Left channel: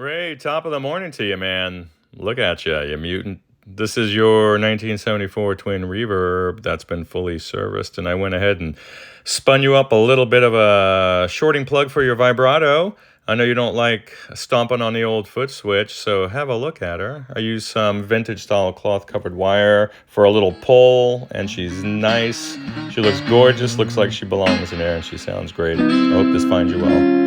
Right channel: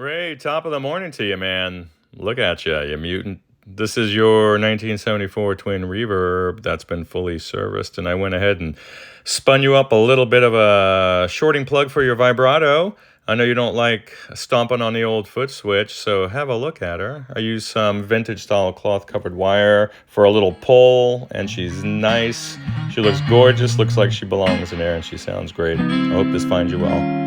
Ray, top of the morning to you, man. Look at you, you mutant. This is your 1974 Twin Reverb that's been fully serviced, and I went ahead and spun you up a little bit of a shorting plug for your vibrato. I know you don't like stomping on the old foot switch, so have a look at her. I used some vintage style cloth covered wire for a little pull, and she's nice. She looks gorgeous, looks like she belongs in there, and she sounds great. I hope this finds you well.